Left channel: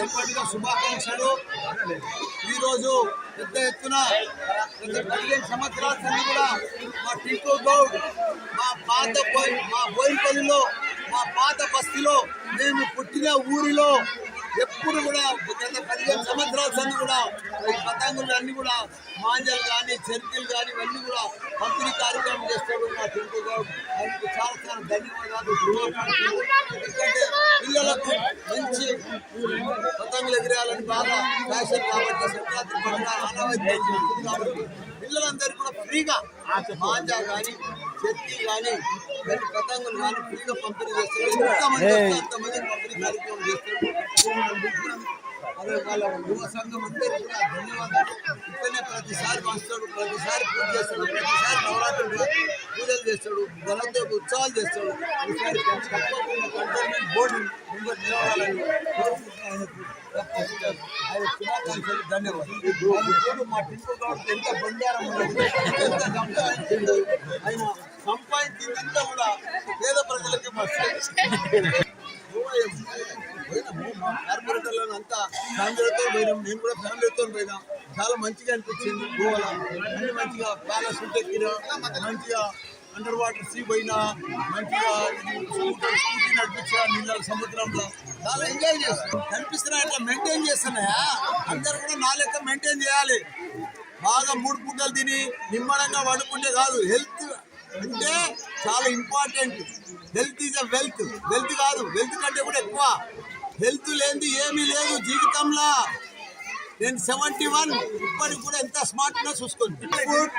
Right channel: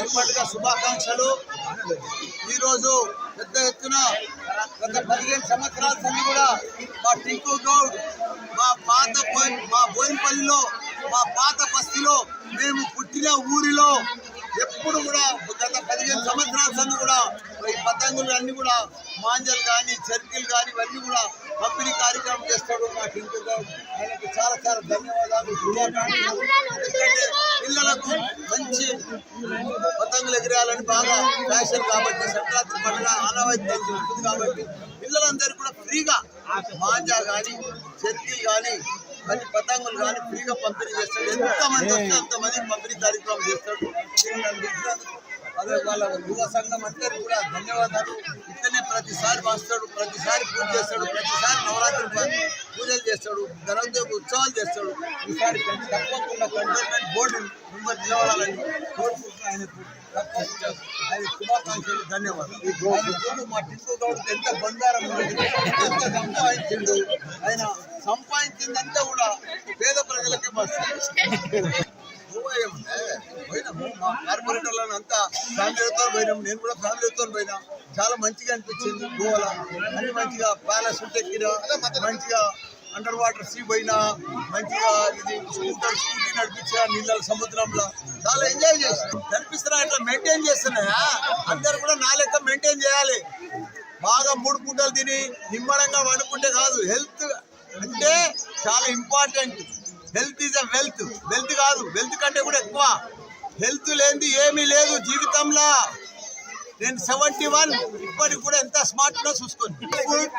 జన్మదిన శుభాకాంక్షలు. ఈరోజు పెద్ద ఎత్తున గత 15 సంవత్సరాల సంది కూడా మా టింకు గౌడ్ మా బోయినపల్లిలో మా పాత బస్తీలో మేము పుట్టిన ఊరిలో ఎప్పుడు కూడా గత 15 సంవత్సరాల సంది కూడా ఈ పతంగులు అన్నీ కూడా మాంజలు కానీ చర్కీలు కానీ ఇవన్నీ కూడా పంపిణీ కార్యక్రమం చేస్తాడు మా టింకు గౌడ్. ఆయనకు చాలా చాలా ధన్యవాదాలు, శుభాకాంక్షలు. ఎందుకంటే పిల్లలకు మంచి పతంగులు ఎగిరేయాలని బాగా ఫ్యాషన్ కాబట్టి సంక్రాంతి పండుగ ఆనవాయితీ ఉంటుంది కాబట్టి పిల్లలందరూ కూడా ఫ్రీగా మాంజా కానీ చర్కీ కానీ మరి పతంగులు కానీ ఫ్రీగా పంపిణీ చేస్తాడు. ఎంతమంది వస్తే అంతమందికి పంపిణీ కార్యక్రమం చేస్తాడు. అదే వాళ్ళ యువ సంఘం అందరికీ కూడా ధన్యవాదాలు. ఇక్కడనే ప్రతిసారి వస్తాడు, ప్రతిసారి పూజ చేస్తాడు, ప్రతిసారి నవరాత్రి పూజలు చేస్తాడు, గణోత్సవ ఉత్సవాలు చేస్తాడు. ఈసారి తప్పకుండా కంటోన్మెంట్ బోర్డు మెంబర్ నిలబడాలని కోరుకుంటున్నాను. ఆయన శుభాకాంక్షలు, ధన్యవాదాలు. మా టింకు గౌడ్ ఎంత బంగారం ఉన్నది, ఎంత సంపాదించిండు. ఆయన సంపాదించిందంతా కూడా పేద ప్రజలకి పోయినాము. మా కార్పొరేటర్లను అంతా ఫ్యామిలీతో పోయినాం, నేను కూడా ఫ్యామిలీతో పోయినా. చాలా మంచిగా అనిపించింది. గోవాల అన్ని మంచిగా ప్యాలెస్ ఎక్కినా, మంచిగా అండర్ వాటర్ సీ పోయినా, మంచిగా ఇది స్కూటీ నడిపించా నీళ్ళ సముద్రంలో చాలా ఎంజాయ్ చేస్తున్నాం. కనిపిస్తున్నా ఇట్లా మెయింటైన్ చేస్తున్నాయా, అందరు కూడా నా లెక్క మెయింటైన్ చేయాలి. బాగా 3 పూటలు తిని నిమ్మడంగా వండుకుంటే కాదు, హెల్త్ అంటే చాలా important. Health is a wealth. Wealth కాదు, వెల్త్ కంటే కూడా ఎక్కువ. హెల్త్ లేనిది ఏమీ లేదు జీవితంలో. నేను 71 ఇప్పటికి కూడా ఎంత స్మార్ట్గా చూసుకోండి. ఫుడ్,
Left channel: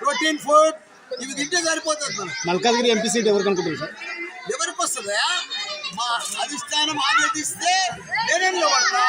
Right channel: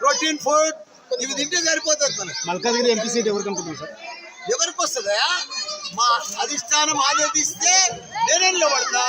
ప్రోటీన్ ఫుడ్ ఇవి తింటే సరిపోతుంది. మనకి మల్కాజ్గిరి ఎంపీ సీట్ ఎవరికి అనుకుంటున్నారు సార్? ఎవరికి వస్తుందా? మా అధిష్టానం ఆదేశిస్తే నేనే నిలబడతా.